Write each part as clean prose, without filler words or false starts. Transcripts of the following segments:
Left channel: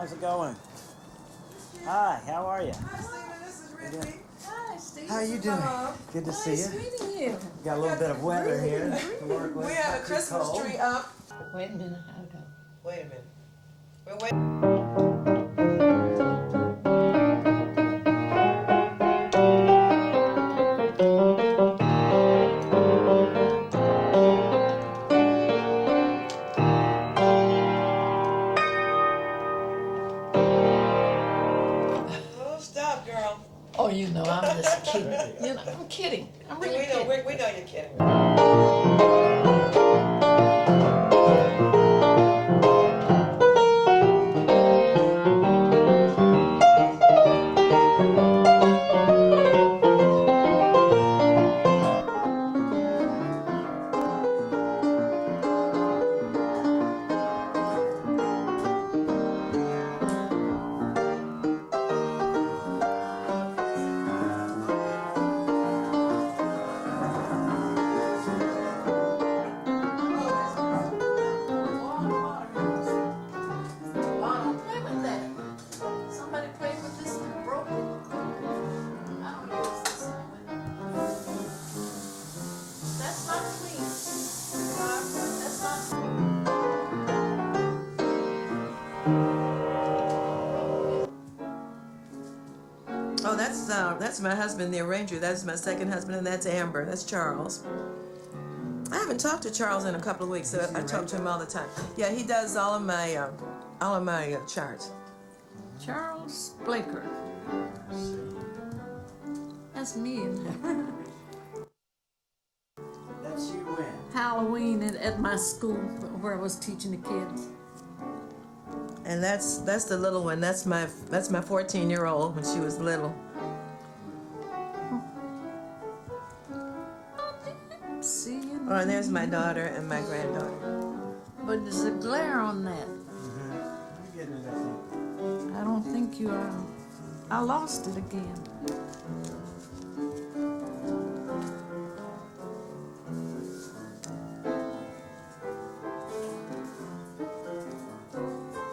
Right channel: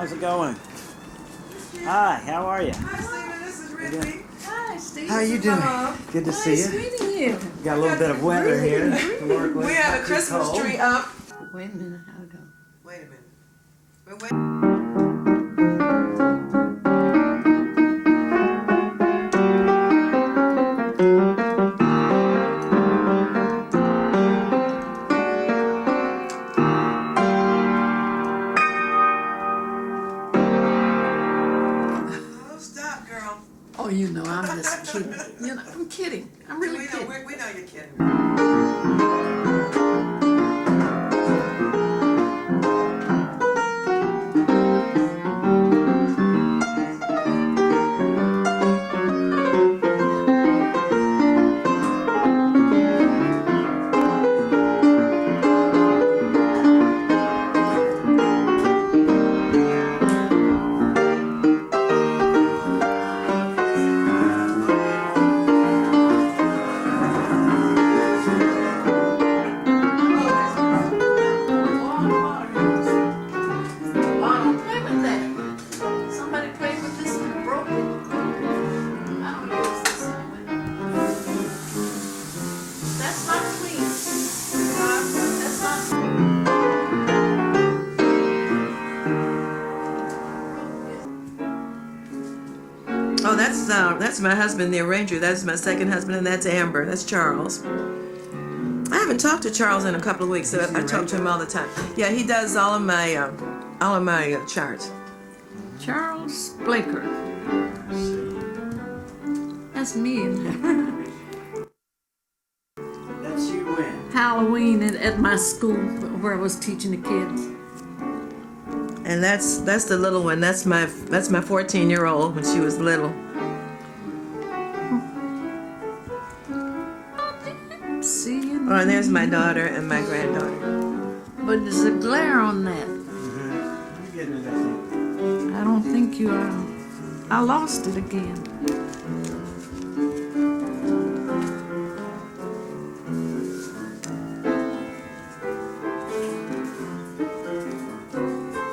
How's it going? Hi, how are you? Hi, Stephen. This is Rita. Hi, Steve. How you doing? Good to see Nice you. meeting you. Got a little bit of weather here to work with. We have a Not too Christmas cold. tree up. Wait a minute, how'd it go? Wait a minute. We're waiting. Oh, stop, girl. Oh, you know, I'm just kidding. You know, I'm kidding. I'm really we know, kidding. we know you're kidding. I don't play with that. Somebody played with this and broke it. I don't use this anyway. That's not clean. That's not Oh, that's my husband, the arranger. That's my second husband, and that's Amber. That's Charles. I haven't talked to Charles in a couple of weeks, so I talk to him all the time. Yeah, he does all of my charts. Charles Blaker. That's me in there. That's you when? Halloween at my school where I was teaching the kids. And that's the little one. That's my 14-year-old when she was little. See you. Oh, and there's my daughter and my granddaughter. But there's a glare on that. You're getting it, I think. I don't think you are. I lost it again.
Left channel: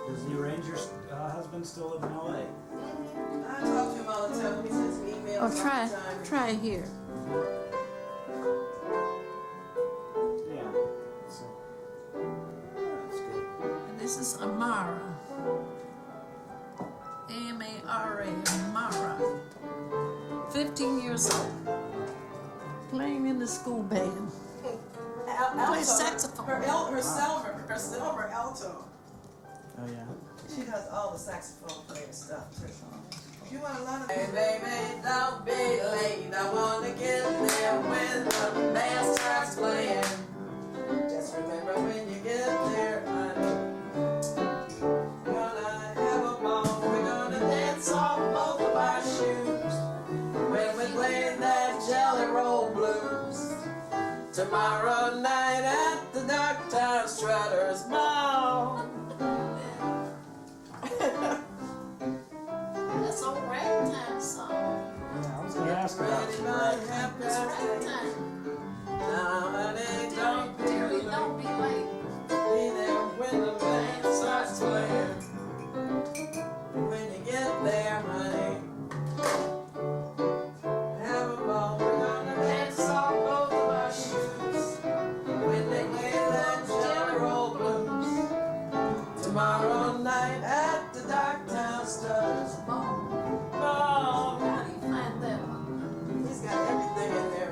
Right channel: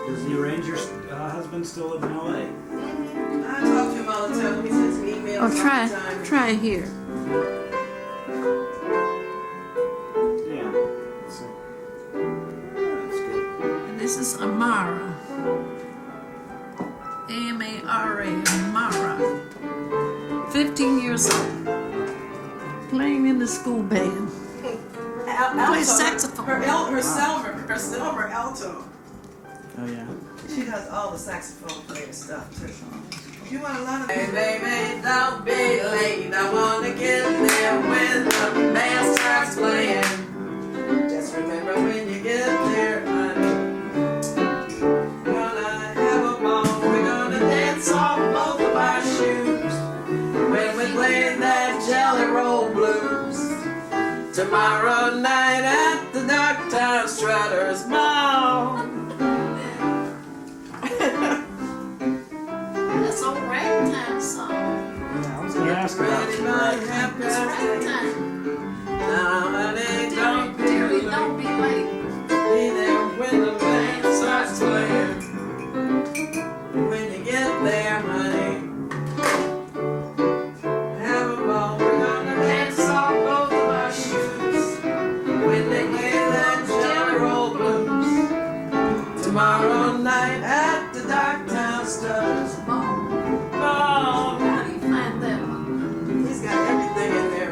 Does the arranger's husband still live in L.A.? I talk to him all the time. He sends me emails Oh, all the time. try here. Yeah. So, that's good. And this is Amara. A-M-A-R-A, Amara. 15 years old. Playing in the school band. Plays saxophone. Her silver alto. Oh, yeah. She does all the saxophone player stuff too. You want a lot of. Hey baby, don't be late. I wanna get there when the band starts playing. Just remember when you get there, honey. Gonna have a ball. We're gonna dance off both of our shoes when we play that Jelly Roll Blues. Tomorrow night at the Darktown Strutters Ball. That's a ragtime song. Yeah, I was going to ask about Ready, you. my It's happy ragtime. Now, honey, don't be Dearie, late. don't be late. Be there when the band starts playing. When you get there, honey, have a ball. We're gonna dance off both of our shoes when they play that Jelly Roll Blues. Tomorrow night at the Darktown Studs. Bone. Oh, How do you find that one? he's got everything in there.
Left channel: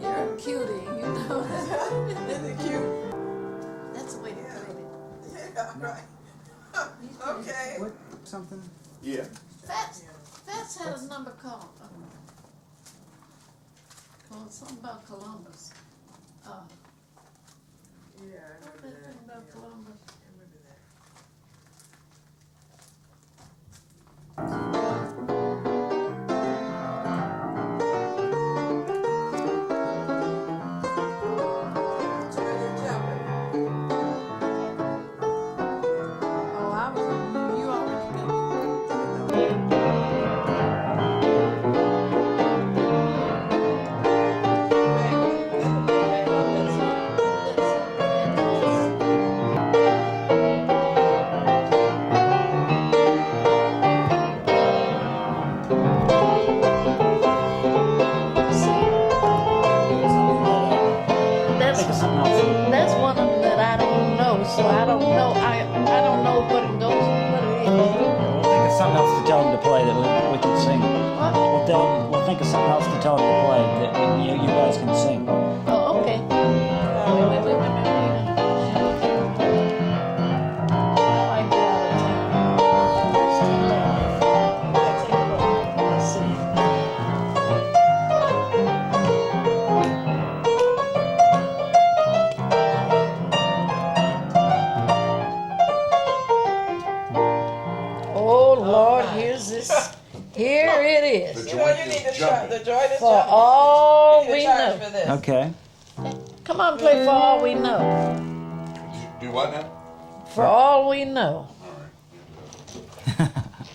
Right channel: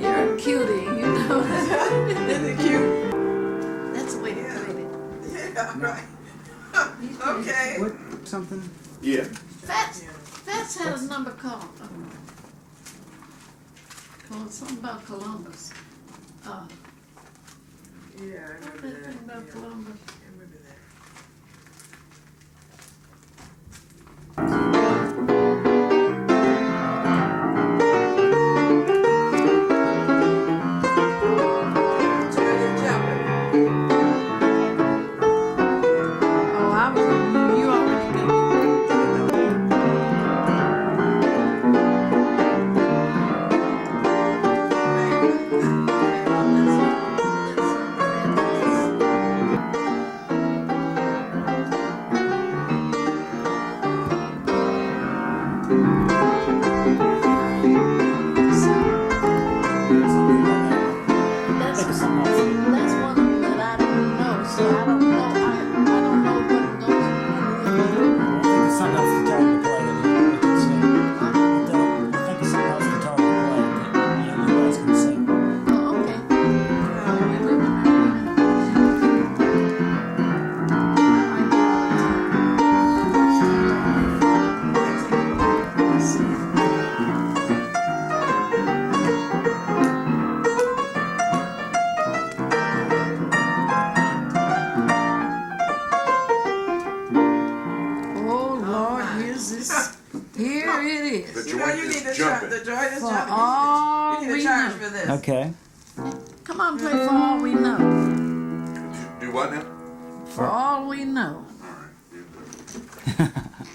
You're a cutie, you know. Isn't it cute? That's the way to Yeah. put it. Yeah, right. Okay. What, something? Yeah. That's had a number called something about Columbus. Yeah, I What's remember that thing that. about Yeah, Columbus? I remember that. Oh, you already got it. Here it is. You know, you need to charge. The joint is For jumping. all You need we to charge know. for this. Okay. Come on, play For All We Know. Do what now? For all we know.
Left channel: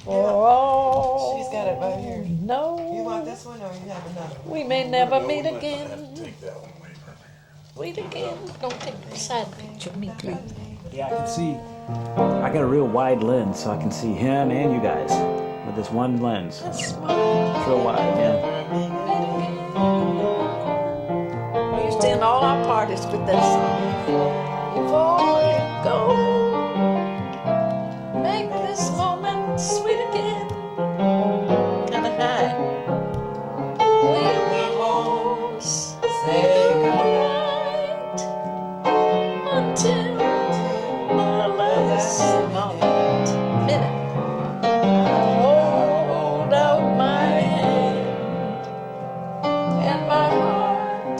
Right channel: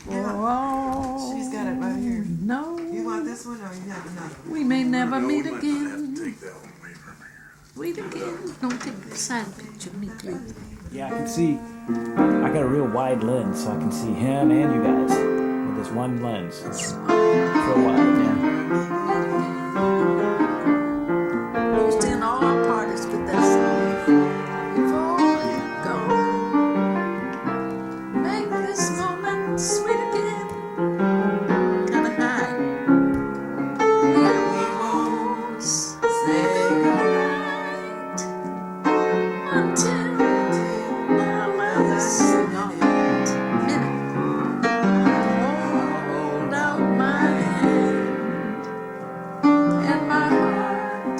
For all She's got it right here. we know. You want this one or you have another one? We may never No, meet we might not have to again. take that one away from here. Meet again. Don't take the side picture of me, please. Yeah, I can see. I got a real wide lens, so I can see him and you guys. There's one lens. We used to end all our parties with that song. Before you go, make this moment sweet again. Kinda high. We won't Say goodnight until the last minute. Hold out my hand, and my heart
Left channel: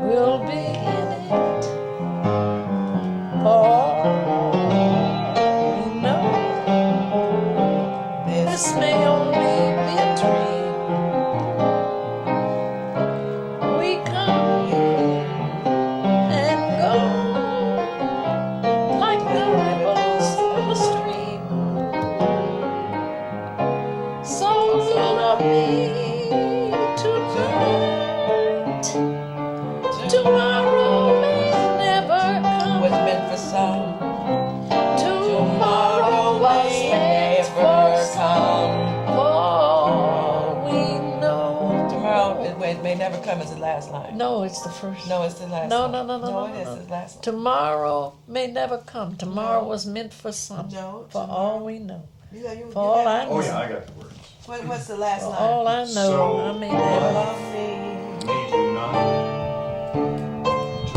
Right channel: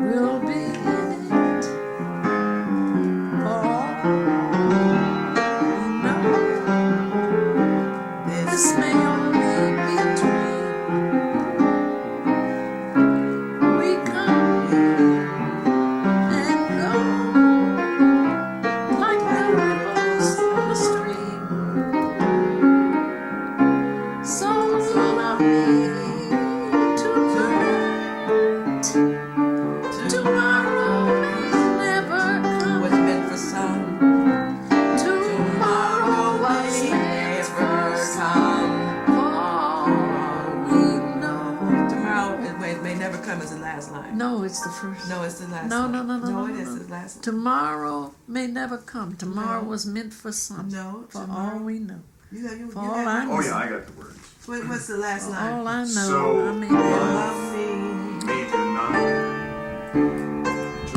will be in it. For you know, this may only be a dream. We come and go like the ripples of a stream. So love me tonight. Tomorrow may never come. what's meant for some. Tomorrow was meant for some. For we know. Tomorrow it may never come as the last line. No, it's the first. No, it's the last No, line. no, no, no, No, no, it no, is no. the last line. Tomorrow may never come. Tomorrow No. was meant for some. No, For tomorrow- all we know. You For all I know. Oh yeah, I got the words. What's the last For line? all I know, So, I may never. Love me. Me tonight.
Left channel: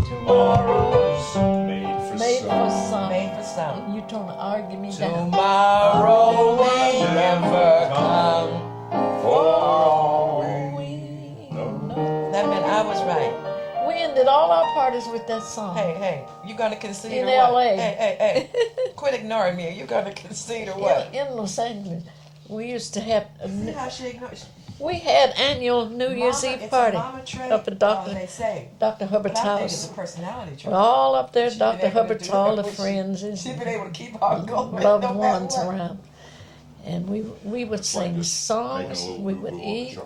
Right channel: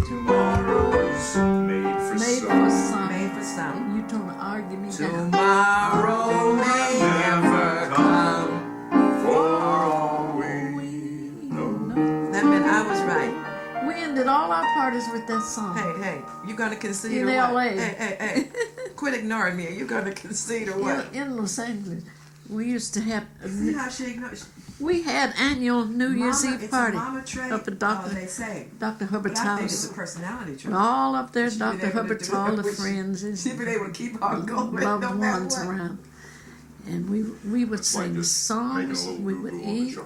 Tomorrow's made for Made some. for some. Made for some. And you trying to argue me down. Tomorrow may never come. For all We we know. know. That meant I was right. We ended all our parties with that song. Hey, you gonna concede In or what? LA. Hey, quit ignoring me. You gonna concede or what? In Los Angeles, we used to have. See how she ignores. We had annual New Year's Eve party Up up at Dr. They say. Dr. Hubbard's But I think it's house. a personality trait. All up there, She's Dr. been able to Hubbard's, do all it. the friends and She's been able to keep on going. loved no matter ones what. around. And we would sing songs, we would eat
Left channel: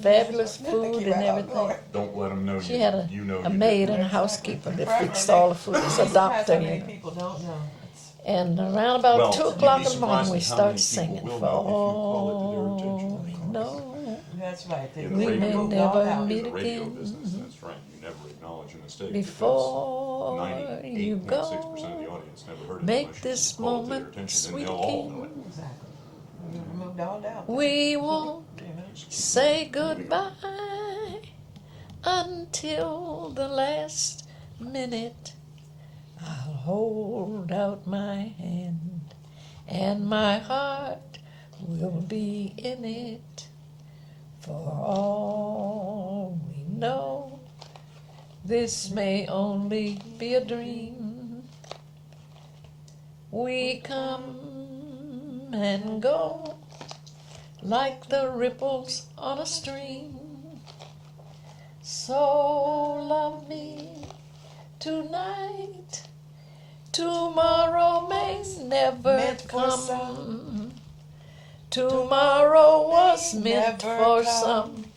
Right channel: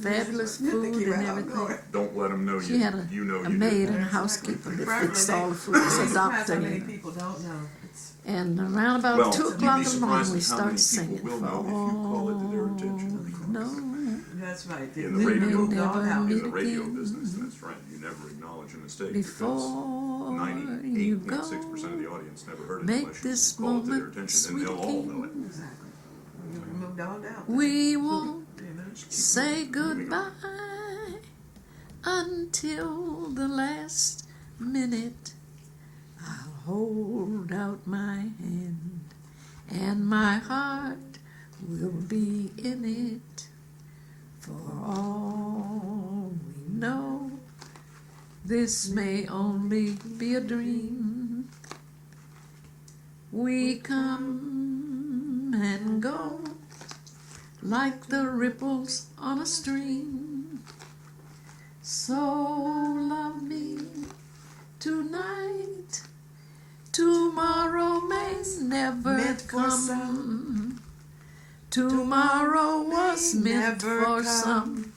fabulous Keep food and right on everything. going. Don't let them know She you. had a, you know a you maid and a Exactly. housekeeper that Probably fixed they- all the food. It's a Surprised doctor, how many you know. people don't know. It's- And around about Well, 2 you'd be o'clock in the morning, surprised we at how start many people singing. will For know if you call it to their all attention. we know, That's right. They In the we radio may business. never In meet the radio again business, that's right. You never acknowledge a mistake. before you because 98.6% of go. the audience never heard it Make unless you this call it to their moment attention, sweet and they'll all know it. again. Exactly. You removed all doubt. We won't You know? Just keep say moving on. goodbye until the last minute. I'll hold out my hand, and my heart will be in it. For all we know, this may only be a dream. We come and go like the ripples on a stream. So love me tonight. Tomorrow may never Meant for come. some. Tomorrow was may meant never for come. some.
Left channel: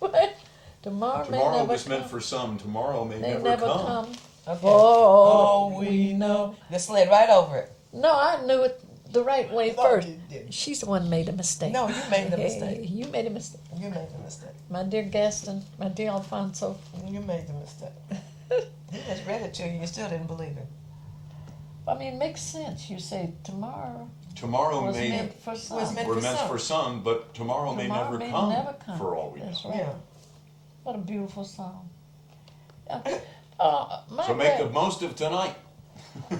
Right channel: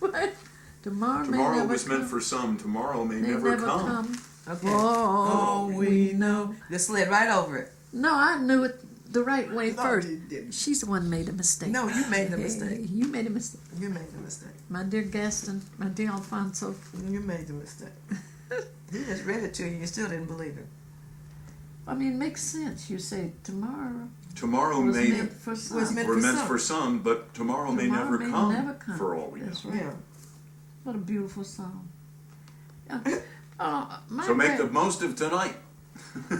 What? Tomorrow may Tomorrow never was meant come. for some. Tomorrow may May never, never come. come. Okay. For all we know. Just slid right over it. No, I knew it the right way No, first. you didn't. She's the one made a mistake. No, you made the Hey, mistake. You made a mistake. You made the mistake. My dear Gaston, my dear Alfonso. You made the mistake. He just read it to you. You still didn't believe it. I mean, it makes sense. You say tomorrow Tomorrow was may meant for some. was meant we're for meant some. for some, but tomorrow, may, Tomorrow never, may come never come. for all we know. That's right. Yeah. What a beautiful song. My So make the most of tonight.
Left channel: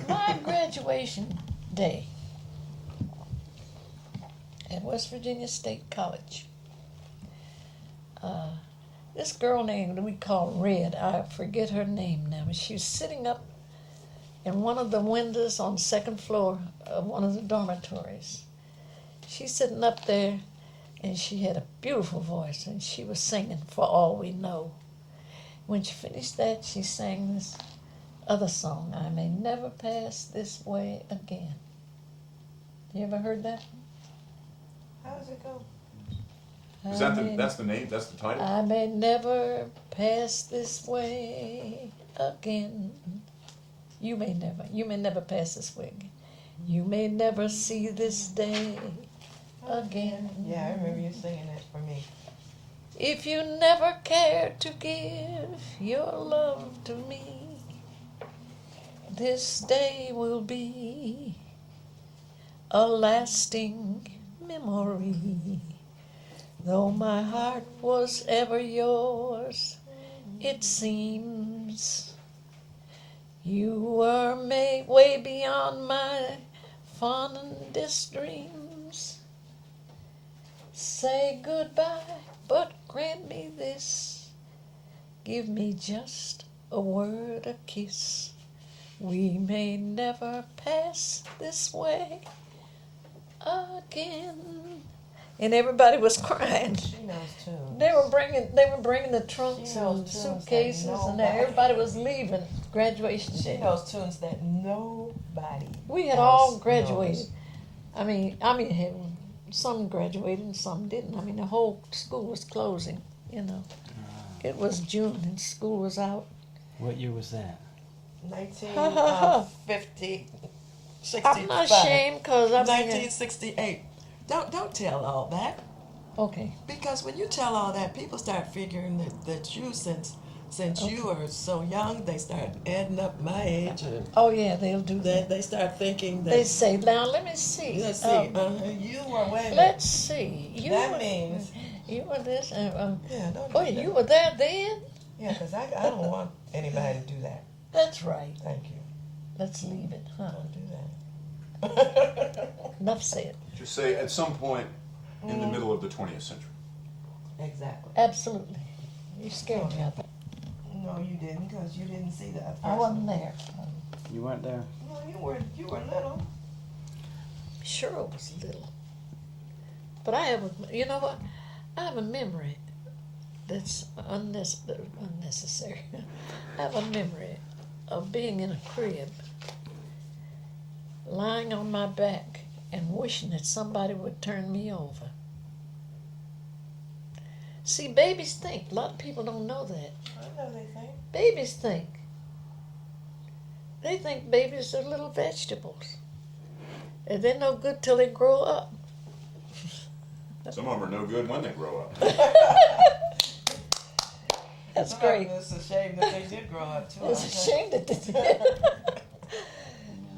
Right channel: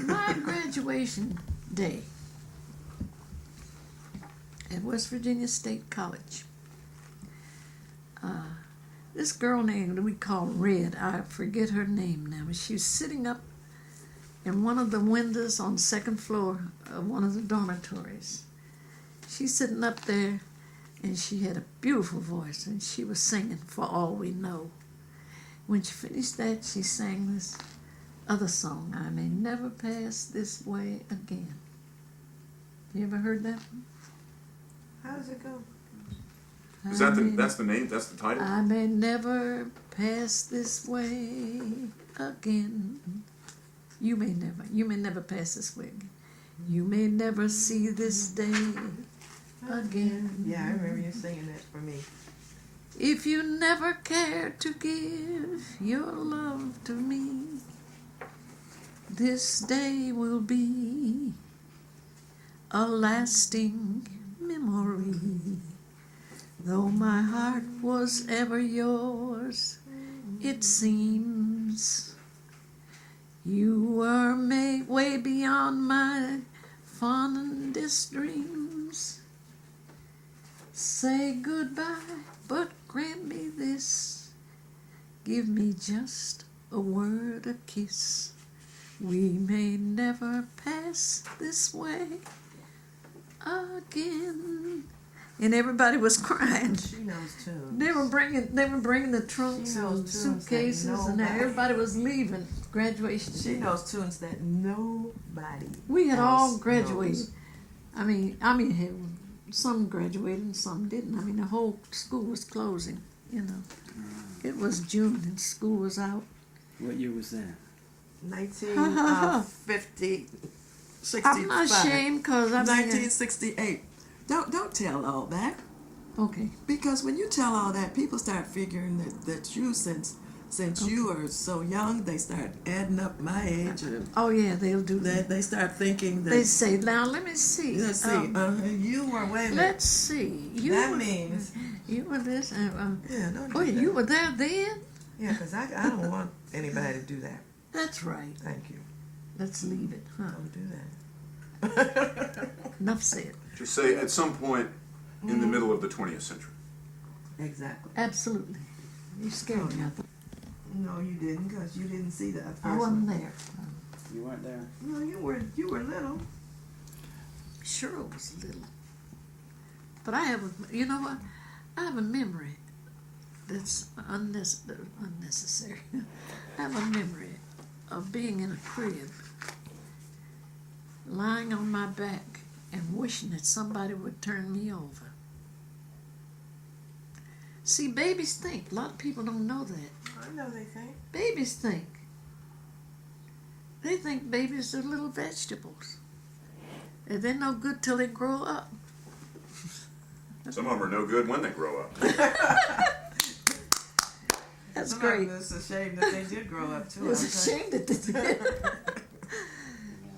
my graduation day at West Virginia State College. This girl named we call Red, I forget her name now, but she was sitting up in one of the windows on the second floor of one of the dormitories. She's sitting up there, and she had a beautiful voice, and she was singing For All We Know. When she finished that, she sang this other song, I May Never Pass This Way Again. You ever heard that one? How does it go? Is that that's the name? That's the title? I may never pass this way again. You may never pass this way again. You may never see this day again. Yeah, I remember you singing that for me. If you never care to give your love to me, this day will be a lasting memory. Though my heart was ever yours, it seems you were way beyond my fondest dreams. Say goodbye, but grant me this. Give me just a word, a kiss. We may never pass this way again. And everybody was crying. She knows tunes. They were bringing the trunks She knows and tunes suitcases, that and nobody- everybody was leaving graduation She day. knows tunes that nobody We had else all graduated. knows. I mean, some graduated and some didn't. I mean, the whole school was closing. You know, it was June and school was out. What year was that? 1950, 65. I'm not ashamed because I mean, 1968. Don't tell all that, okay. because when you tell all that, people start figuring that you, since you are so young, they start adding up my age, and Oh yeah, they'll do that. they start thinking that. They say, now let me see. Let's see. You were wait a minute. Let's see. That were, means- you were this. Yeah, don't do Boy, that. you were there then. Yeah, because I don't want anybody to do that. That's right. Thank you. Let's leave it, huh? Don't do that. Enough said. Just say at some point in the middle of the 20th century. Exactly. Absolutely. You scared me. No, you didn't, because you didn't see that. I wasn't there. You weren't there? No, you were little. Sure, I was little. But I have, you know what? I have a memory that's unnecessary. I have a memory of being in a crib, lying on my back and wishing that somebody would turn me over. See, babies think. A lot of people don't know that. I know they think. Babies think. They think babies are little vegetables. And they're no good till they grow up. Some of them are no good when they grow up. That's Some great. of them, it's a shame that they did grow up too. It's a shame that they did.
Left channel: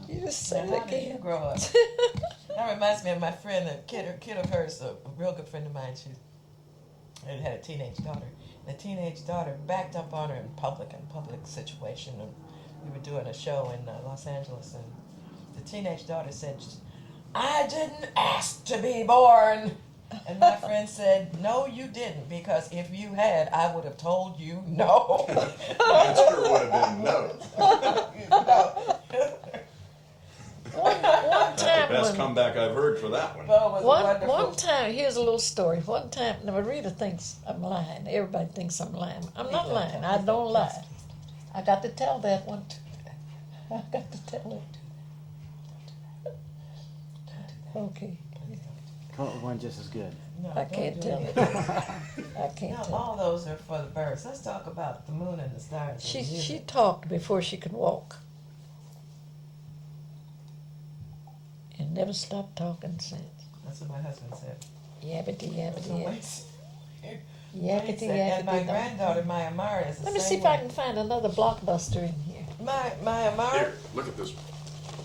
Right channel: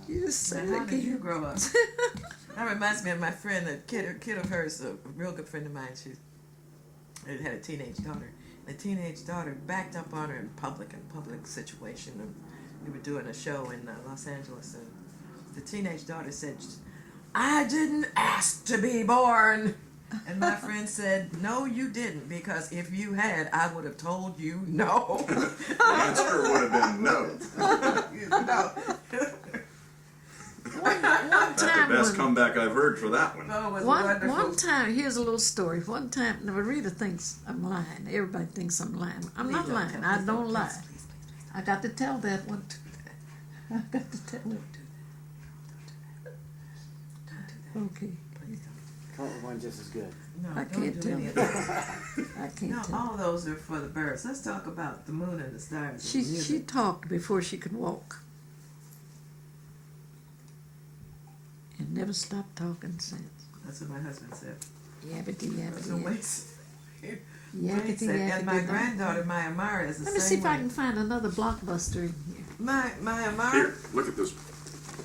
You just say How it did you again. grow up? That reminds me of my friend, a kid of hers, a real good friend of mine. She had a teenage daughter. The teenage daughter backed up on her in public situation. And we were doing a show in Los Angeles, and the teenage daughter said, "I didn't ask to be born." And my friend said, "No, you didn't, because if you had, I would have told you no." The answer would have been no. No. One That's time the best when, comeback I've heard for that one. Oh, it was wonderful. one time, here's a little story. One time, now Rita thinks I'm lying. Everybody thinks I'm lying. I'm not Please don't lying. tell- I please don't lie. please, I got to tell that one too. I got to tell it. Okay. please don't. Front one just as good. No, I don't can't do tell any it. of that. I can't No, tell. all those are for the birds. Let's talk about the moon and the stars. She and music. she talked before she could walk. And never stopped talking since. That's what my husband said. Yabbity So yabbity wait. yabbity And my yabbity. granddaughter, my Amara, is the Let me same see if way. I can find another blockbuster in here. My Amara Here, look at this.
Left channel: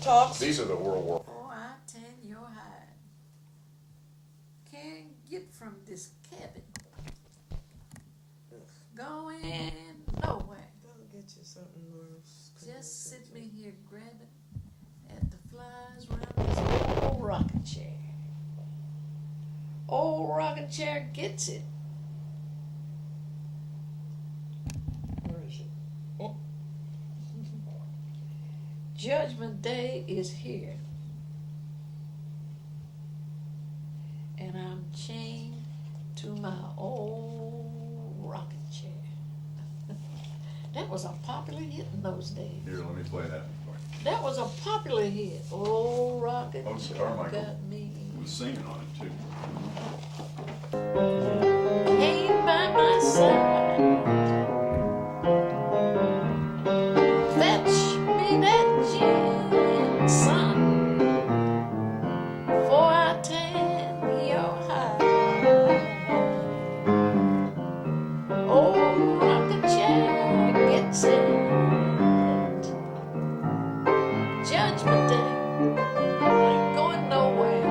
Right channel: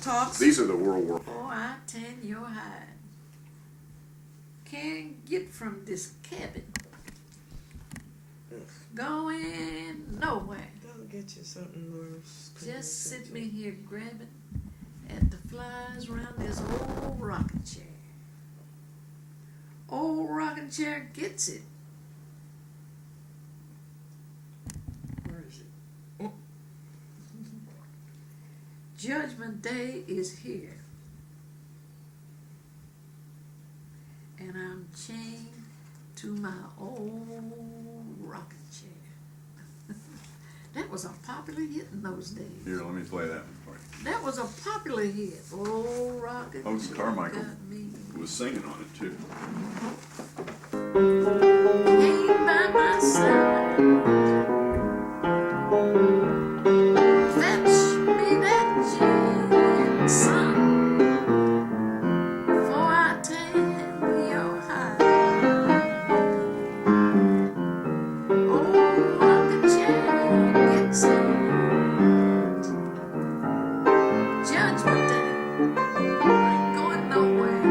talks. These are the World War. Oh, I tan your hide. Can't get from this cabin. Going nowhere. Don't get you something more. Just sit me here grabbing at the flies around this old rocking chair. Old rocking chair gets it. Where is it? Oh. Judgment Day is here. And I'm chained to my old rocking chair. That was a popular hit in those days. Here, let me play that one That was a popular hit. Old rocking Oh, chair Carmichael. got me. for you. Was singing on it too. Came by my side. Fetch me that gin, son, for I tan your hide. Old rocking chair gets it. Judgment Day, I ain't going nowhere.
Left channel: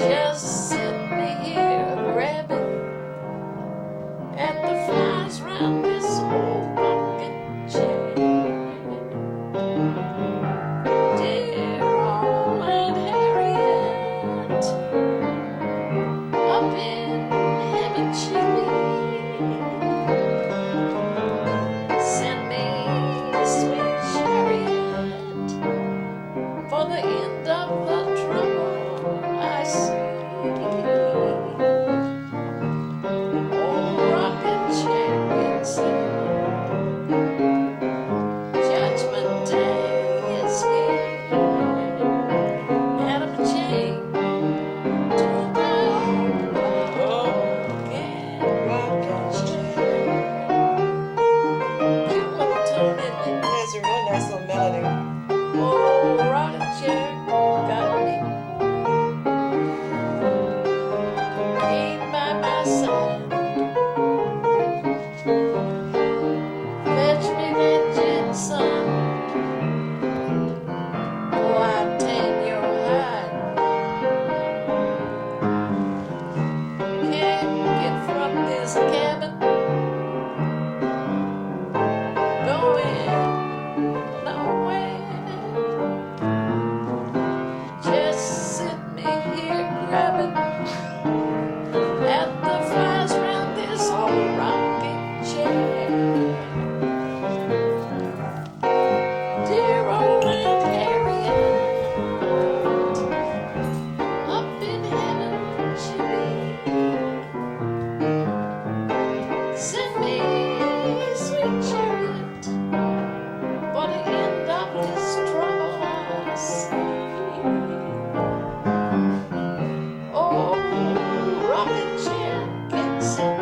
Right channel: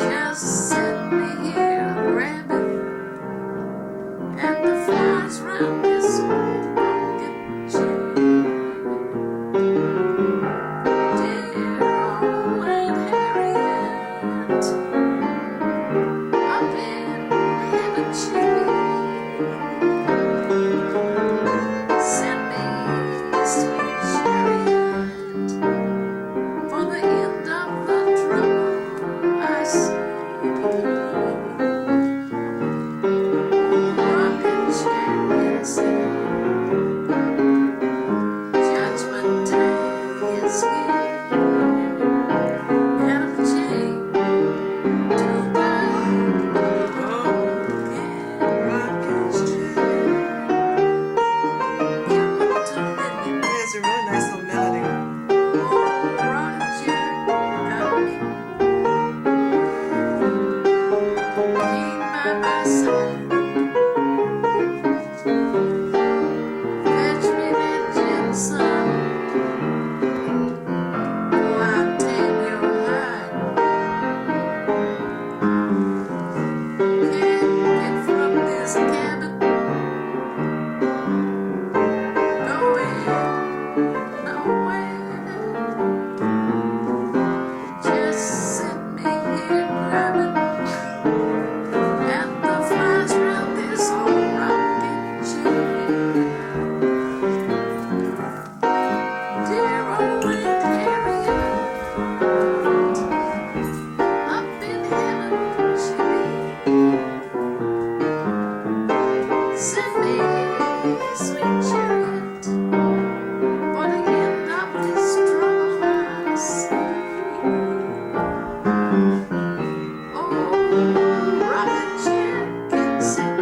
Just sit me here, grab it at the flies round this old rocking chair. Dear old Aunt Harriet, up in heaven she be. Send me sweet chariot for the end of the trouble I see. Old rocking chair gets it. Judgment Day is here, and I'm chained to my old rocking chair. Cute little tune, isn't it? It's a really nice little melody. Old rocking chair got me. Came by my side. Fetch me that gin, son. Oh, I tan your hide. Can't get from this cabin. Going nowhere. Just sit me here grabbing at the flies round this old rocking chair. Dear old Aunt Harriet, up in heaven she be. Send me sweet chariot for the end of this trouble I see. Oh, rocking chair gets it.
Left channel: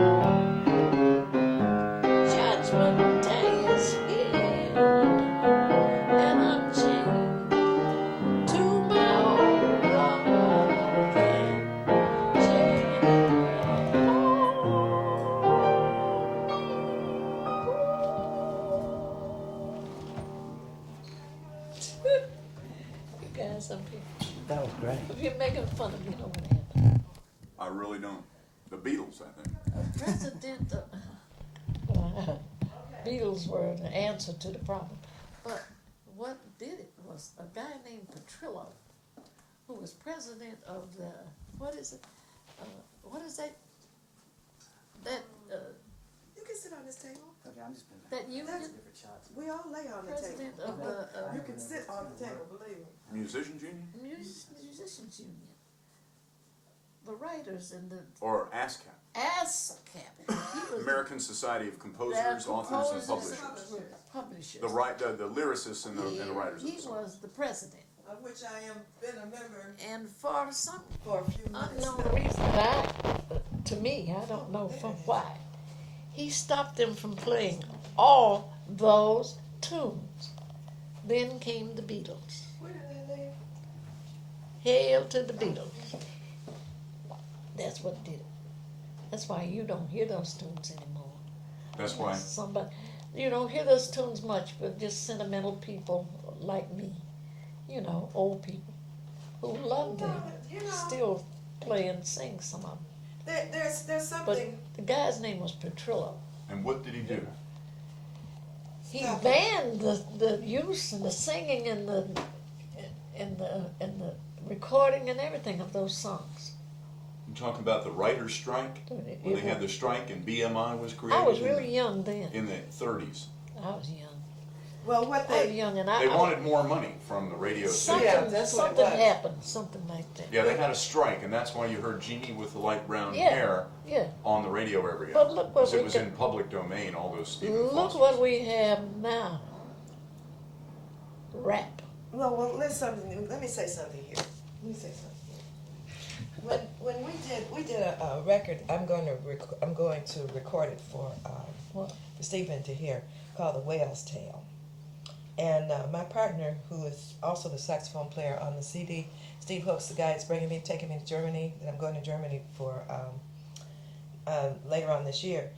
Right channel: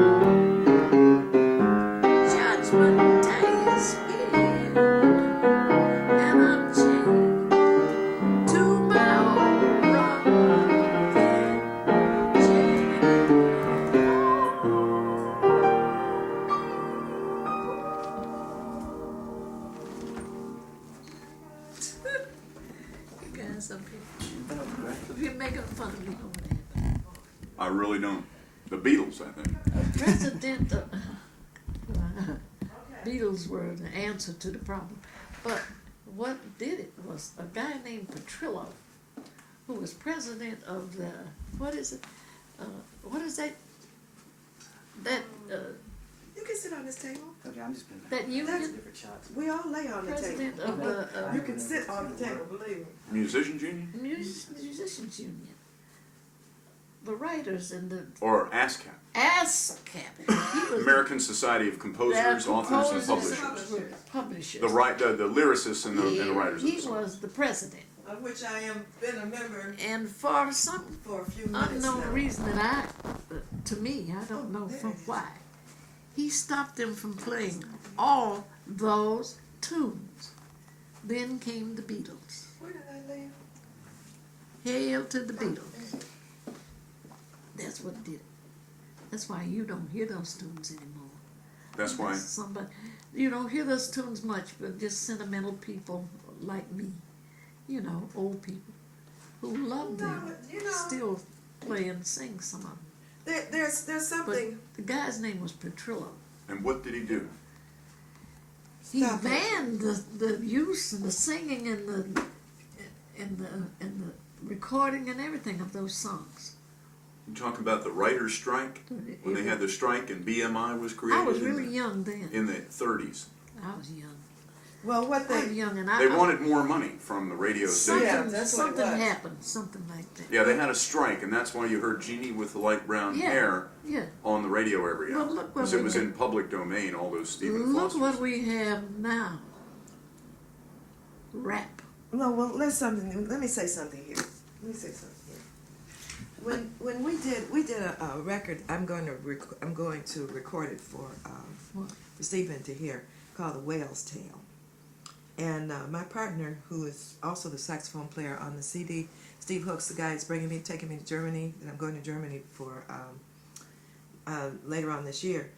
Judgment Day is here, and I'm chained to my old rocking chair. You guys up here, That was great. you're making fun of me, don't want to happen. I really don't. The Beatles, I think. President, Beatles were the answer to the problem. But what did it was a guy named Petrillo, who was president of the, what is it? What is that? That, You can sit on this table. Okay, I'm just gonna. that union? Different shots. We all lay on the table. President of the You can sit on the table, believe me. Musicians Union? Musicians Union. The writers and the Or ASCAP? ASCAP. He was American Society of Composers, the Authors, and composers Publishers. Publishers. The lyricists and the writers of the He song. was the president. Of which I am been a member And for some for a few minutes unknown now. reason that to me, I don't know from why, he stopped them from playing all those tunes. Then came the Beatles. Where did I live? Hail to the Beatles. That's what did it. That's why you don't hear those tunes anymore. That's why. Somebody, you don't hear those tunes much, but just sentimental people like me, you know, old people who love them, You know, still play and sing some of them. there's But something. the guy's name was Petrillo. And what did he do? He Stop it. banned the use and the singing and the recording and everything of those songs. You talk about the writers' strike? When they had the strike and BMI was created? I was really young then. In the 30s. I was young. Well, what I was they young and They wanted more money from the radio something, station. Yeah, that's what it something was. happened, something like that. Yeah, they had a strike, and that's why you heard Jeannie with the light brown Yeah. hair Yeah. on the radio every But hour. look what Because it we was got. in public domain, all those Stephen Look Fosters. what we have now. Rap. no. Well, let me say something here. Let me say something here. When we did a record, I'm going to record it for What? Stephen to hear, called The Whale's Tale. And my partner, who is also the saxophone player on the CD, Steve Hooks, the guy that's taking me to Germany, and I'm going to Germany for later on this year.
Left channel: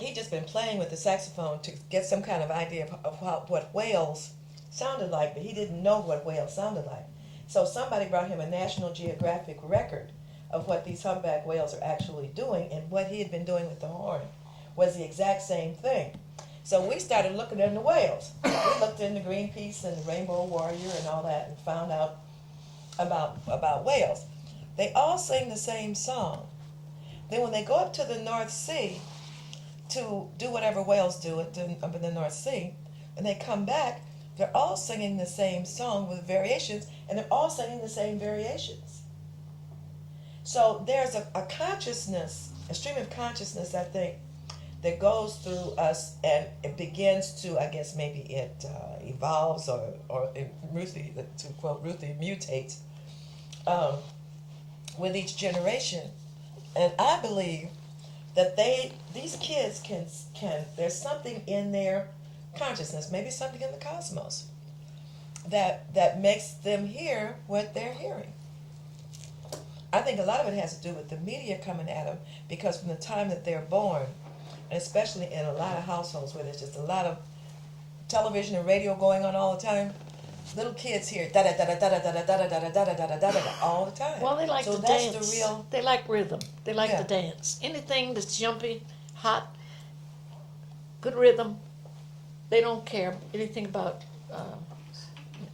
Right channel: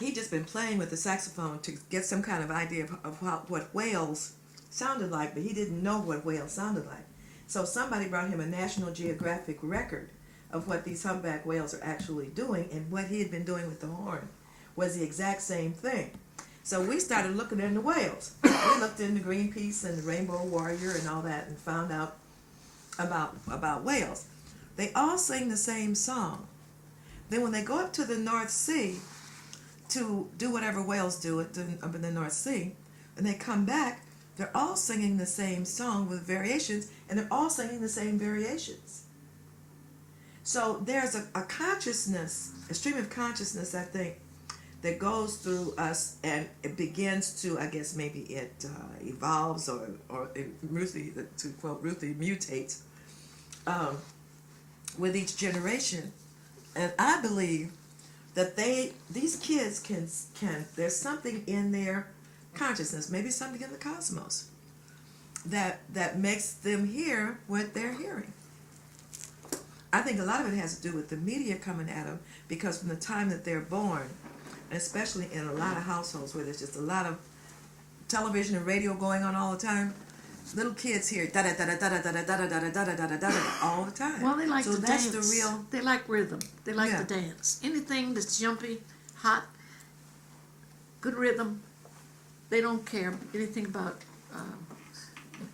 He'd just been playing with the saxophone to get some kind of idea of what whales sounded like, but he didn't know what whales sounded like. So somebody brought him a National Geographic record of what these humpback whales are actually doing, and what he had been doing with the horn was the exact same thing. So we started looking into whales. We looked into Greenpeace and the Rainbow Warrior and all that, and found out about whales. They all sing the same song. Then when they go up to the North Sea to do whatever whales do up in the North Sea, and they come back, they're all singing the same song with variations, and they're all singing the same variations. So there's a consciousness, a stream of consciousness, I think, that goes through us, and it begins to, I guess maybe it evolves, or Ruthie, to quote Ruthie, mutates with each generation. And I believe that these kids can there's something in their consciousness, maybe something in the cosmos, that makes them hear what they're hearing. I think a lot of it has to do with the media coming at them, because from the time that they're born, and especially in a lot of households where there's just a lot of television and radio going on all the time, little kids hear da da da da da da da da da da da da da da da all the time. Well, they like so to that's dance. the real. They like rhythm. They like Yeah. to dance. Anything that's jumpy, hot, good rhythm. They don't care anything about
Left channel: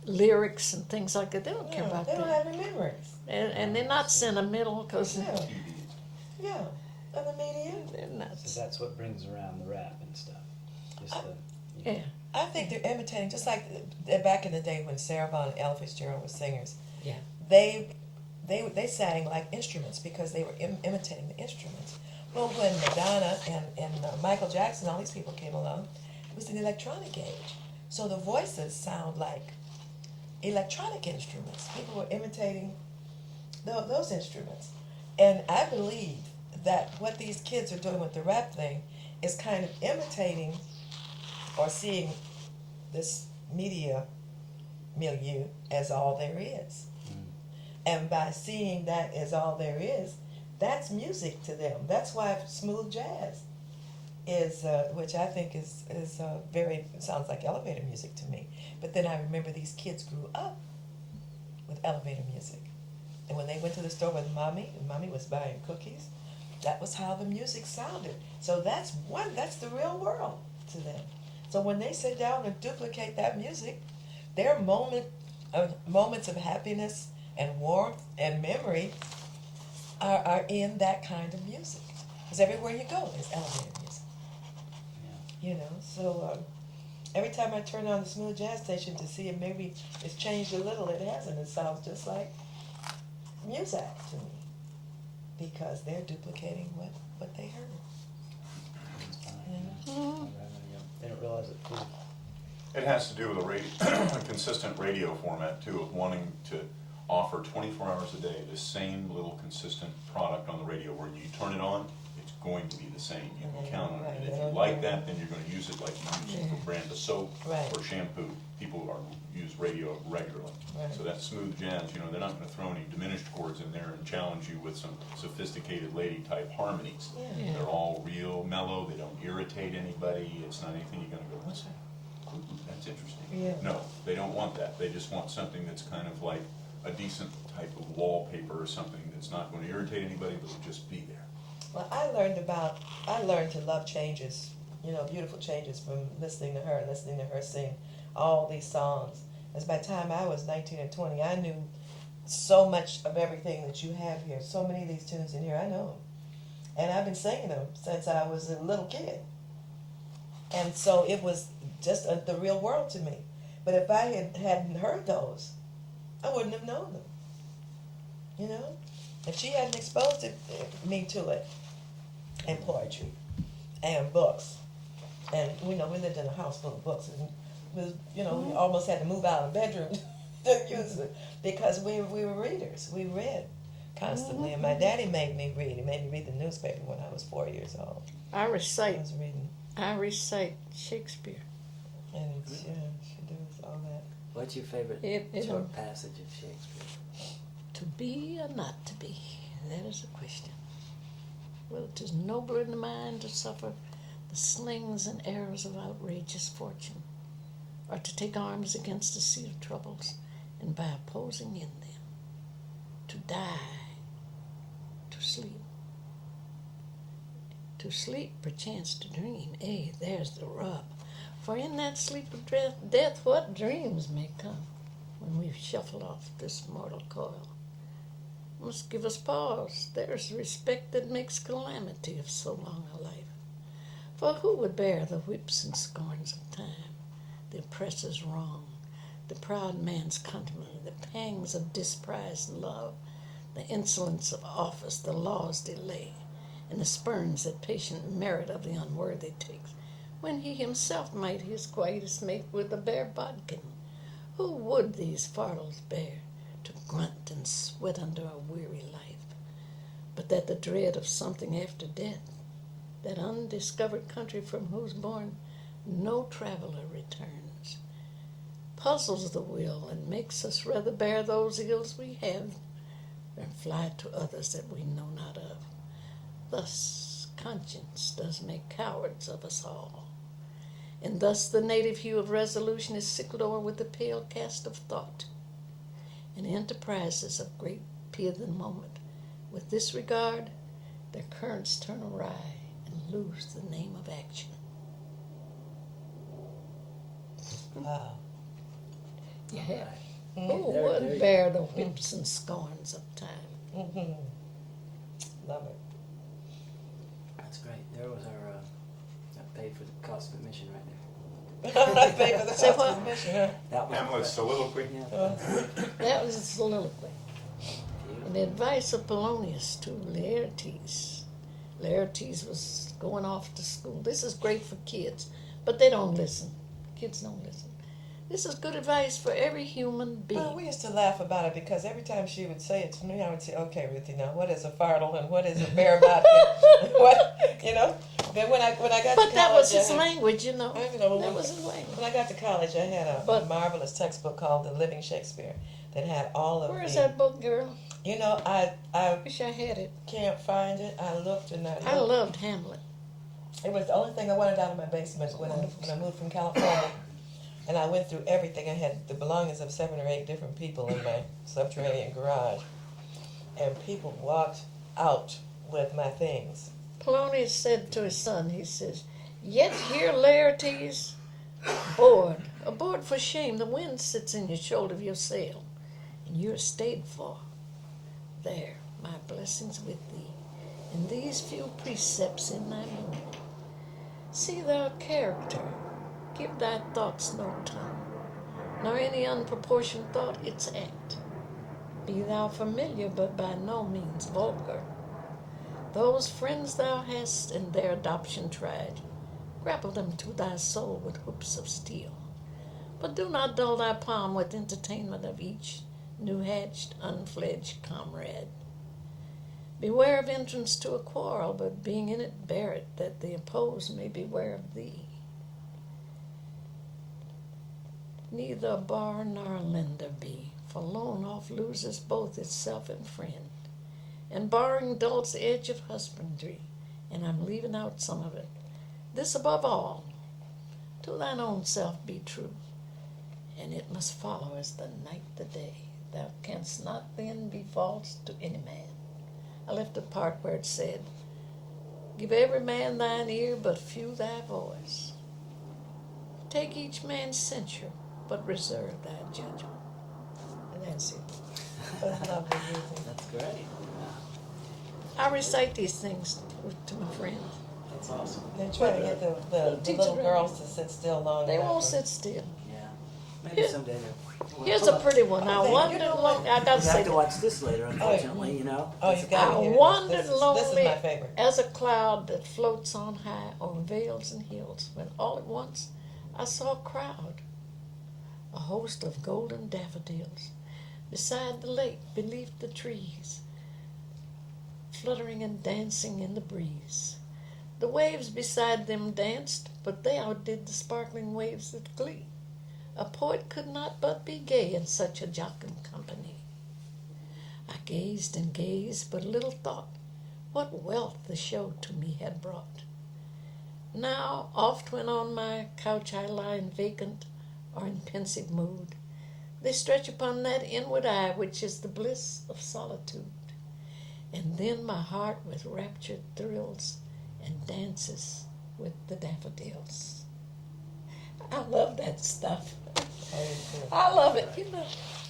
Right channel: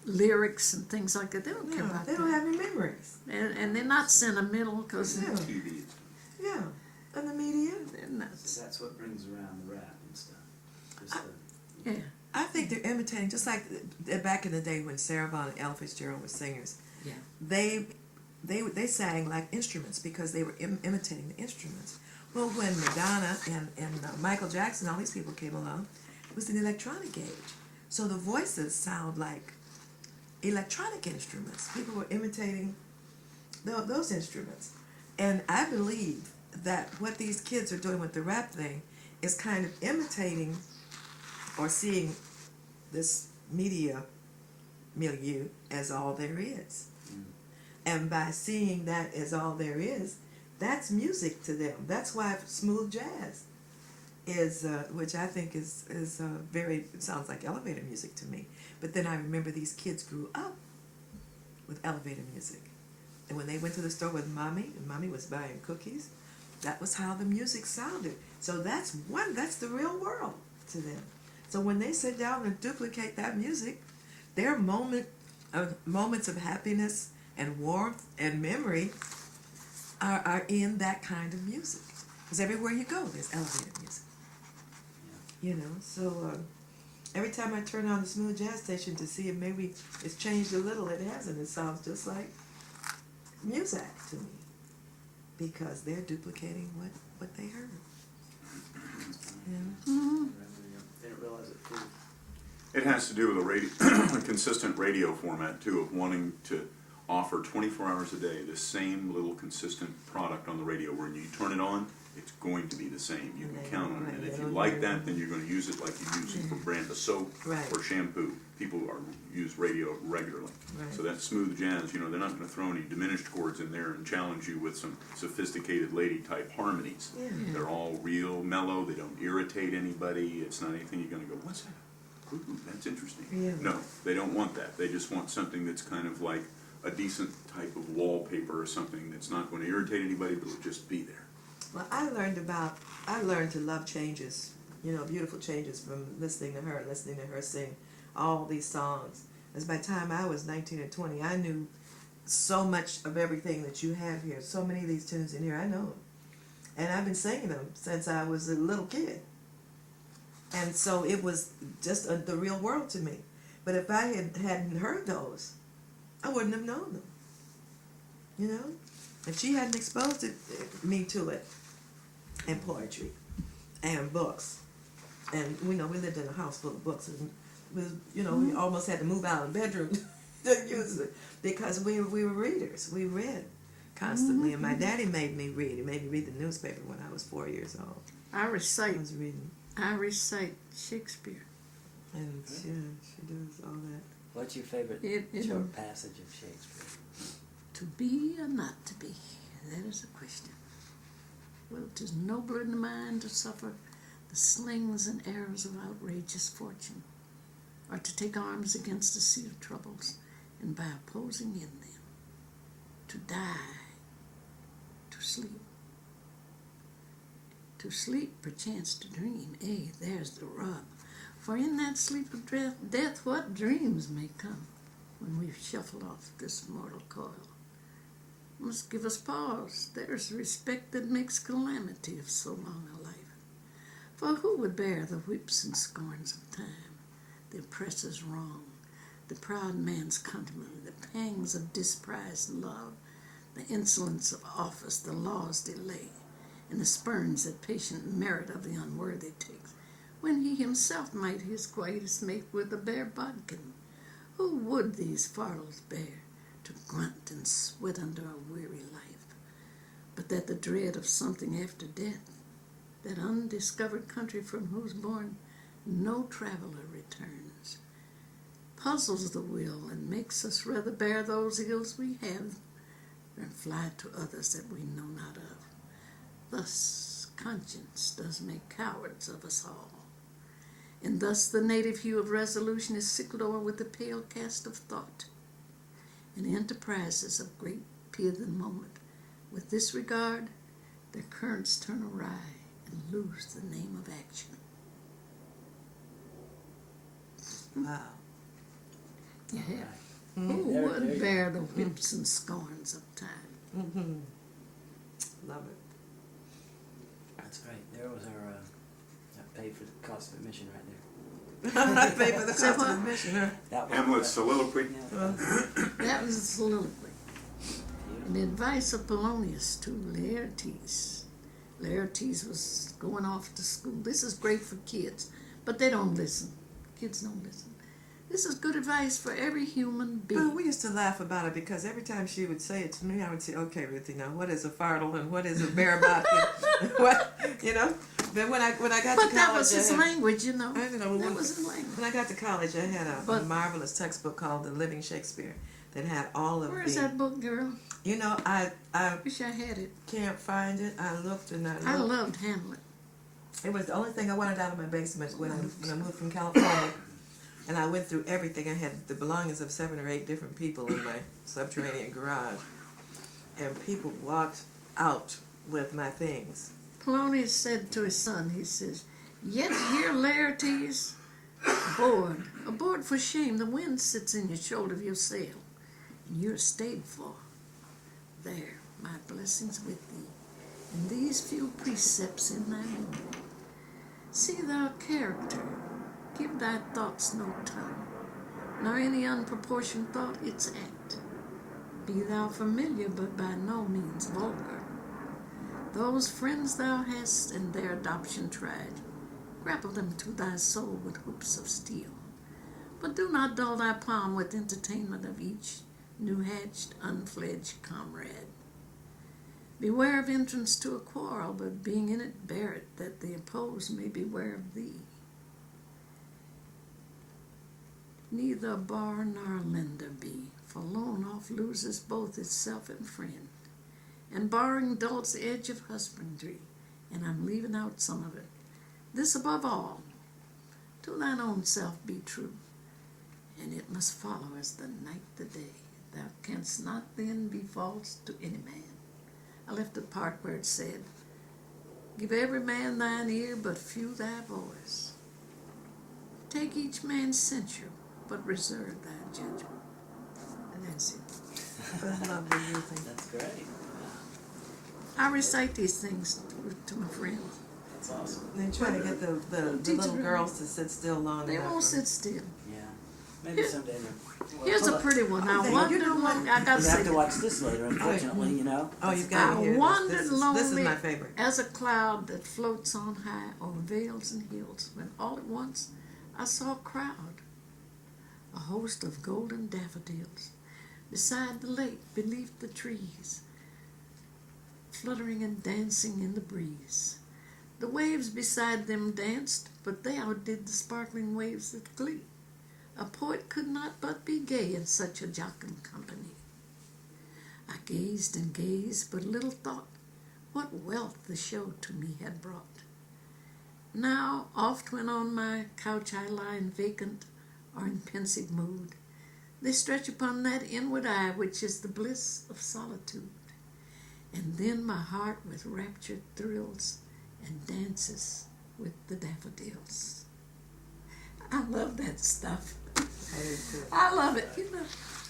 lyrics and things like that. They don't care about They don't that. have any memories. And they're not sentimental, because Yeah, yeah, and the media. they're not. So that's what brings around the rap and stuff. Just the, Yeah. I think they're imitating, just like back in the day when Sarah Vaughan and Ella Fitzgerald were singers. Yeah. They sang like instruments because they were imitating the instruments. Well, when Madonna and Michael Jackson, all these people came along, it was an electronic age. So the voices sound like electronic instruments. People were imitating those instruments. And I believe that what these kids are doing with the rap thing is kind of imitating or seeing this media milieu as all there is. And by seeing that as all there is, that's music to them. That's why smooth jazz is, which I think is very, it sounds like elevator music to me. But then I remember these kids grew up with elevator music. And when they went to the store with Mommy, and Mommy was buying cookies, that was how the music sounded. So that's the real world to them. So when they sit down and duplicate that music, their moments of happiness and warmth and memory are in that kind of music. Because everywhere you go, there's elevator music. yeah. You know, so every time I turn on the smooth jazz station to see if maybe it's changed a little, it hasn't. It sounds just like music to me, because they're duplicating what they heard. Yeah. They don't realize it too. It has to do with a consistent radio format too, of wanting to offer 24 hours a day the same little consistent product on the radio, where you turn it on, it's going to be the same. You And can they count don't- on right, it. they And if you don't like hear that, it. then you're going to use it like you use a brand of soap Right. or shampoo. People use radio regularly. Right. So that smooth jazz, they're not going to throw any diminished chords in there and challenge you with some sophisticated lady type harmonies. Yeah. Yeah. They're all real mellow. They don't irritate anybody. It's not anything you're going to go, what's that? Ooh, that's interesting. Yeah. No, they don't want that. They just want something that's kind of like a decent type of wallpaper, or something that's not going to irritate anybody, but will just be there. Well, I learned to love changes, beautiful changes, from listening to her sing all these songs. As by the time I was 19 or 20, I knew so much of everything that you have here. So many of these tunes in here, I know them. And I've been singing them since I was a little kid. And so it was just the real world to me. But if I hadn't heard those, I wouldn't have known them. You know? If she hadn't exposed me to it, and poetry, and books, and we lived in a house full of books, and we almost had to move out of the bedroom to use it because we were readers. We read constantly, and my daddy made me read. He made me read the newspaper when I was 4 years old. I I was reading, recite Shakespeare. and she does all that. What's your favorite short passage of Shakespeare? To be or not to be, that is the question. Well, 'tis nobler in the mind to suffer the slings and arrows of outrageous fortune, or to take arms against the sea of troubles, and by opposing in them, to die, to sleep. To sleep, perchance to dream, there's the rub. For in that sleep of death, what dreams may come when we've shuffled off this mortal coil. Must give us pause. There's respect that makes calamity of so long a life. For who would bear the whips and scorns of time, the oppressor's wrong, the proud man's contumely, the pangs of disprized love, the insolence of office, the law's delay, and the spurns that patient merit of the unworthy takes, when he himself might his quietus make with a bare bodkin? Who would these fardels bear, to grunt and sweat under a weary life, but that the dread of something after death, that undiscovered country from whose bourne no traveller returns, puzzles the will and makes us rather bear those ills we have than fly to others that we know not of. Thus conscience does make cowards of us all, and thus the native hue of resolution is sickled o'er with the pale cast of thought, and enterprises of great peerthen moment, with this regard, their currents turn awry and lose the name of action. Wow. You have. Who would bear the whips and scorns of time? Mm-hmm. Love it. That's great. There was our pay for the cost of admission right there. I'm not paying for the Say cost what? of admission. Huh? That one. Hamlet's soliloquy. That was a soliloquy. And the advice of Polonius to Laertes. Laertes was going off to school. This is great for kids, but they don't listen. Kids don't listen. This is good advice for every human being. Well, we used to laugh about it because every time she would say it to me, I would say, "Okay, Ruthie, now what is a fardel and what is a bare bodkin?" But when I got to college, But that was his language, I know, That was his language. when I got to college, I had a marvelous textbook called The Living Shakespeare that had all of Where is the. that book, girl? I Wish I had it. can't find it. I looked and I looked. I loved Hamlet. It was the only thing I wanted out of my basement when I moved from California. And I went through everything. I had the belongings of 7 or 8 different people in my subterranean garage. And people walked out with my things. Polonius said to his son, he says, "Yet here, Laertes, aboard for shame, the wind sits in your shoulder of your sail, and you're stayed for. There, my blessings with thee, and these few precepts in thy memory. See thou character, give thy thoughts no tongue, nor any unproportioned thought its act. Be thou familiar, but by no means vulgar. Those friends thou hast in their adoption tried, grapple them to thy soul with hoops of steel. But do not dull thy palm with entertainment of each new-hatched, unfledged comrade. Beware of entrance to a quarrel, but being in it, bear it, that the opposed may beware of thee. Neither a bar nor a lender be, for loan oft loses both itself and friend. And borrowing dulls the edge of husbandry, and I'm leaving out some of it. This above all, to thine own self be true, and it must follow as the night the day. Thou canst not then be false to any man." I left the part where it said, "Give every man thine ear, but few thy voice. Take each man's censure, but reserve thy judgment." And that's it. I love the Ruthie. That's great. I recite these things to my friends. That's awesome. They try to get the Teach little it right. girls to sit still long They enough. won't sit still. Yeah. Maybe Here- someday. Here's a pretty one. I Oh, wondered you know long. what? I gotta You say have to that. watch this later, unfortunately, you know. Oh, you've got I to hear wandered this. This is lonely my favorite. as a cloud that floats on high over vales and hills, when all at once I saw a crowd, a host of golden daffodils, beside the lake, beneath the trees, fluttering and dancing in the breeze. The waves beside them danced, but they outdid the sparkling waves of glee. A poet could not but be gay in such a jocund company. I gazed and gazed, but little thought what wealth the show to me had brought. Now oft when on my couch I lie in vacant or in pensive mood, they stretch upon that inward eye which is the bliss of solitude. And then my heart with rapture thrills and dances with the daffodils. I love that stuff. I love it, you know.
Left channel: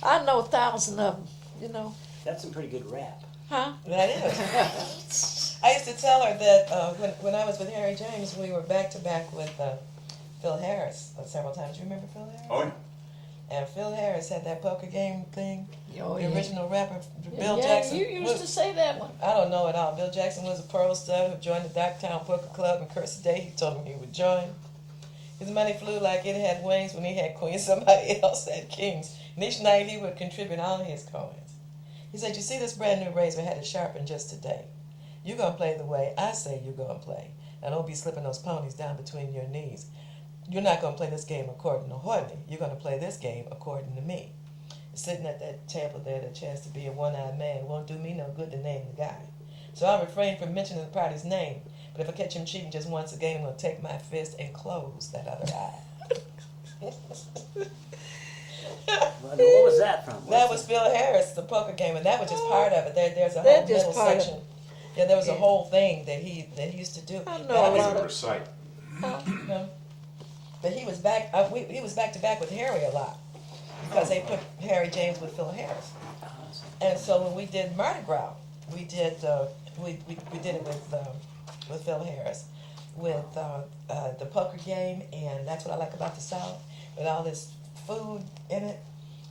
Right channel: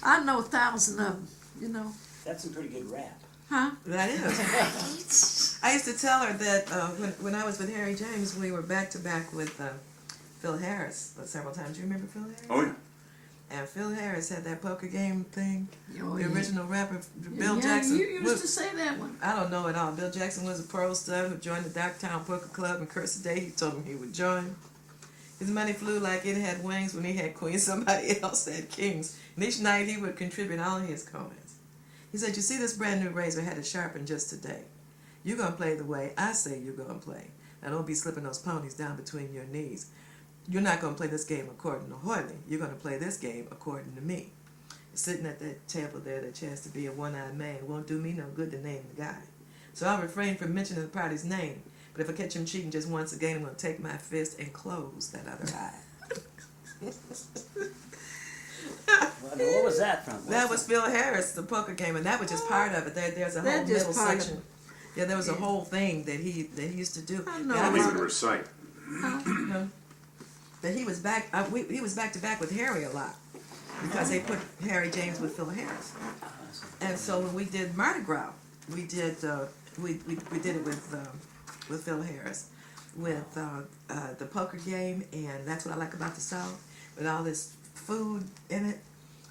I know 1,000 of them, you know. That's some pretty good rap. Huh? That is. I used to tell her that when I was with Harry James, we were back to back with Phil Harris several times. Do you remember Phil Harris? Oh, yeah. And Phil Harris had that poker game thing. Oh, The yeah. original rapper, Yeah, Bill Jackson. you used to say that one. I don't know it all. Bill Jackson was a pearl stud who joined the Docktown Poker Club, and curse the day he told him he would join. His money flew like it had wings when he had queens, somebody else had kings. And each night he would contribute all his coins. He said, you see this brand new razor had it sharpened just today. You're going to play the way I say you're going to play. Now don't be slipping those ponies down between your knees. You're not going to play this game according to Hortley. You're going to play this game according to me. Sitting at that table there that chanced to be a one-eyed man, it won't do me no good to name the guy. So I'll refrain from mentioning the party's name. But if I catch him cheating just once again, I'm going to take my fist and close that other eye. What was that from? That was Phil Harris, the poker game, and that was just part of it. There's a They're whole just middle part of section. it. Yeah, there was a Yeah. whole thing that he used to do. I know That a was- lot Favorite of- site. But he was back. He was back to back with Harry a lot because they put Harry James with Phil Harris. And so when we did Mardi Gras, we did we did it with Phil Harris, with the poker game, and that's what I like about the South, with all this food in it.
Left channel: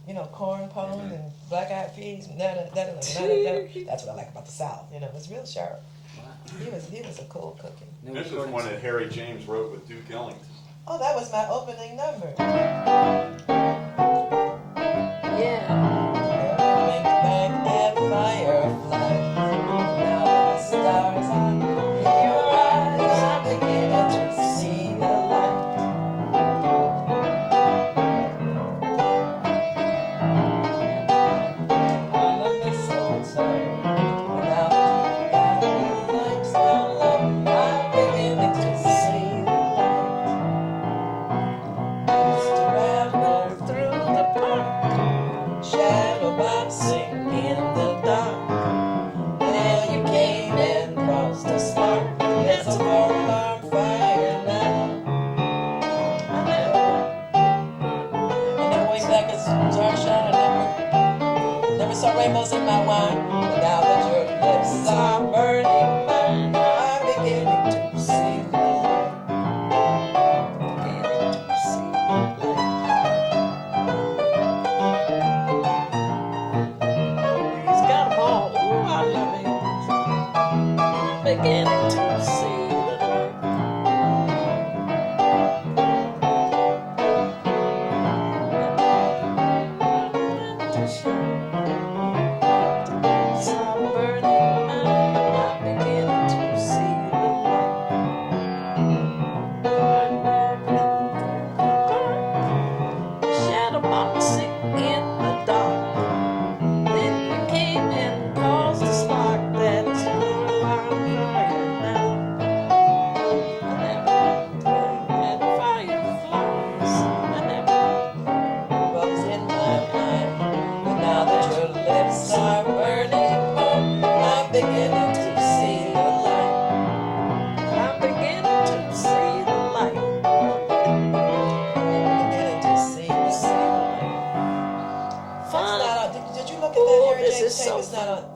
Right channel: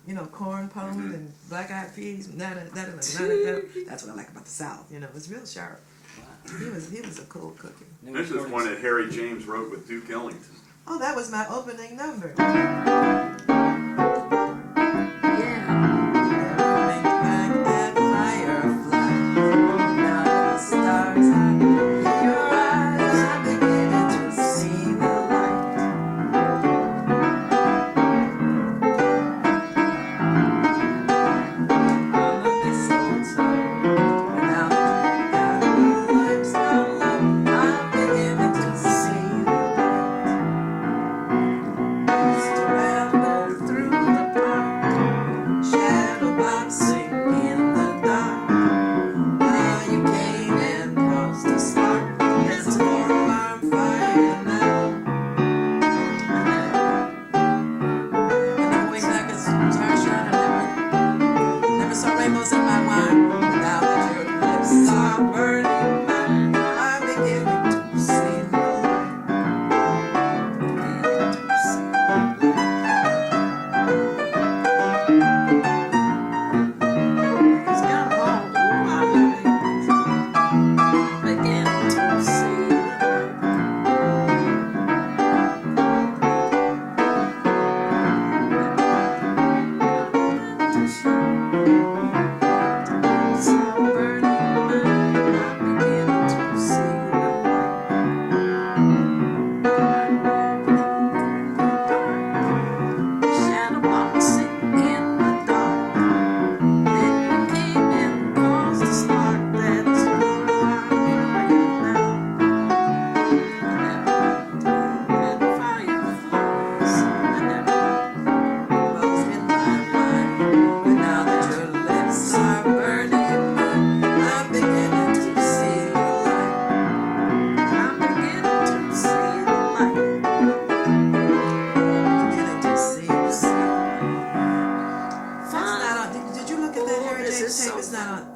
You know, corn pone and black-eyed peas. That's what I like about the South. You know, it's real sharp. He was a cool cookie. This is one that Harry James wrote with Duke Ellington. Oh, that was my opening number. Yeah. Never wink back at firefly. Now that the stars are in your eyes, I'm beginning to see the light. On the mistletoe, and now that you got new lights down low, I'm beginning to see the light. Used to ramble through the park, shadow boxing in the dark. Now you came and caused a spark. It's a four-alarm fire now. I never went back as Zarshan. I never saw rainbows in my wine. But now that your lips are burning mine, I'm beginning to see the light. Beginning to see the light. He's got 'em all. Ooh, I love it. Beginning to see the light. To show. Stop burning mine. I'm beginning to see the light. Shadow boxing in the dark. Then you came and caused a spark that's more fire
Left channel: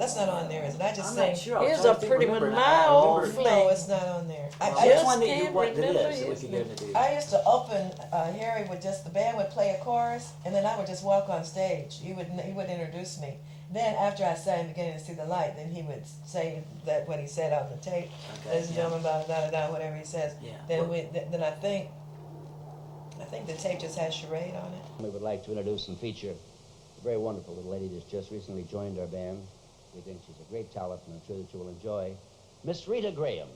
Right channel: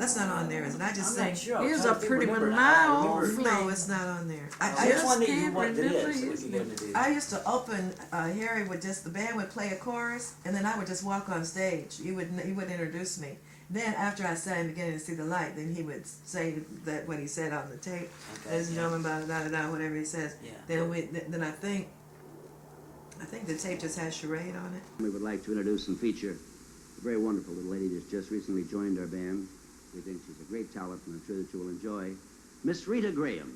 That's not on there, is it? I just sang. Here's a pretty one, my old No, flame. it's not on there. Just can't remember his name. I used to open. Harry would the band would play a chorus, and then I would just walk on stage. He would introduce me. Then after I sang "Beginning to See the Light," then he would say that what he said on the tape, ladies and gentlemen, da da da, whatever he says. Then I think the tape just has charade on it. We would like to introduce and feature a very wonderful little lady that's just recently joined our band. We think she's a great talent, and I'm sure that you will enjoy Miss Rita Graham.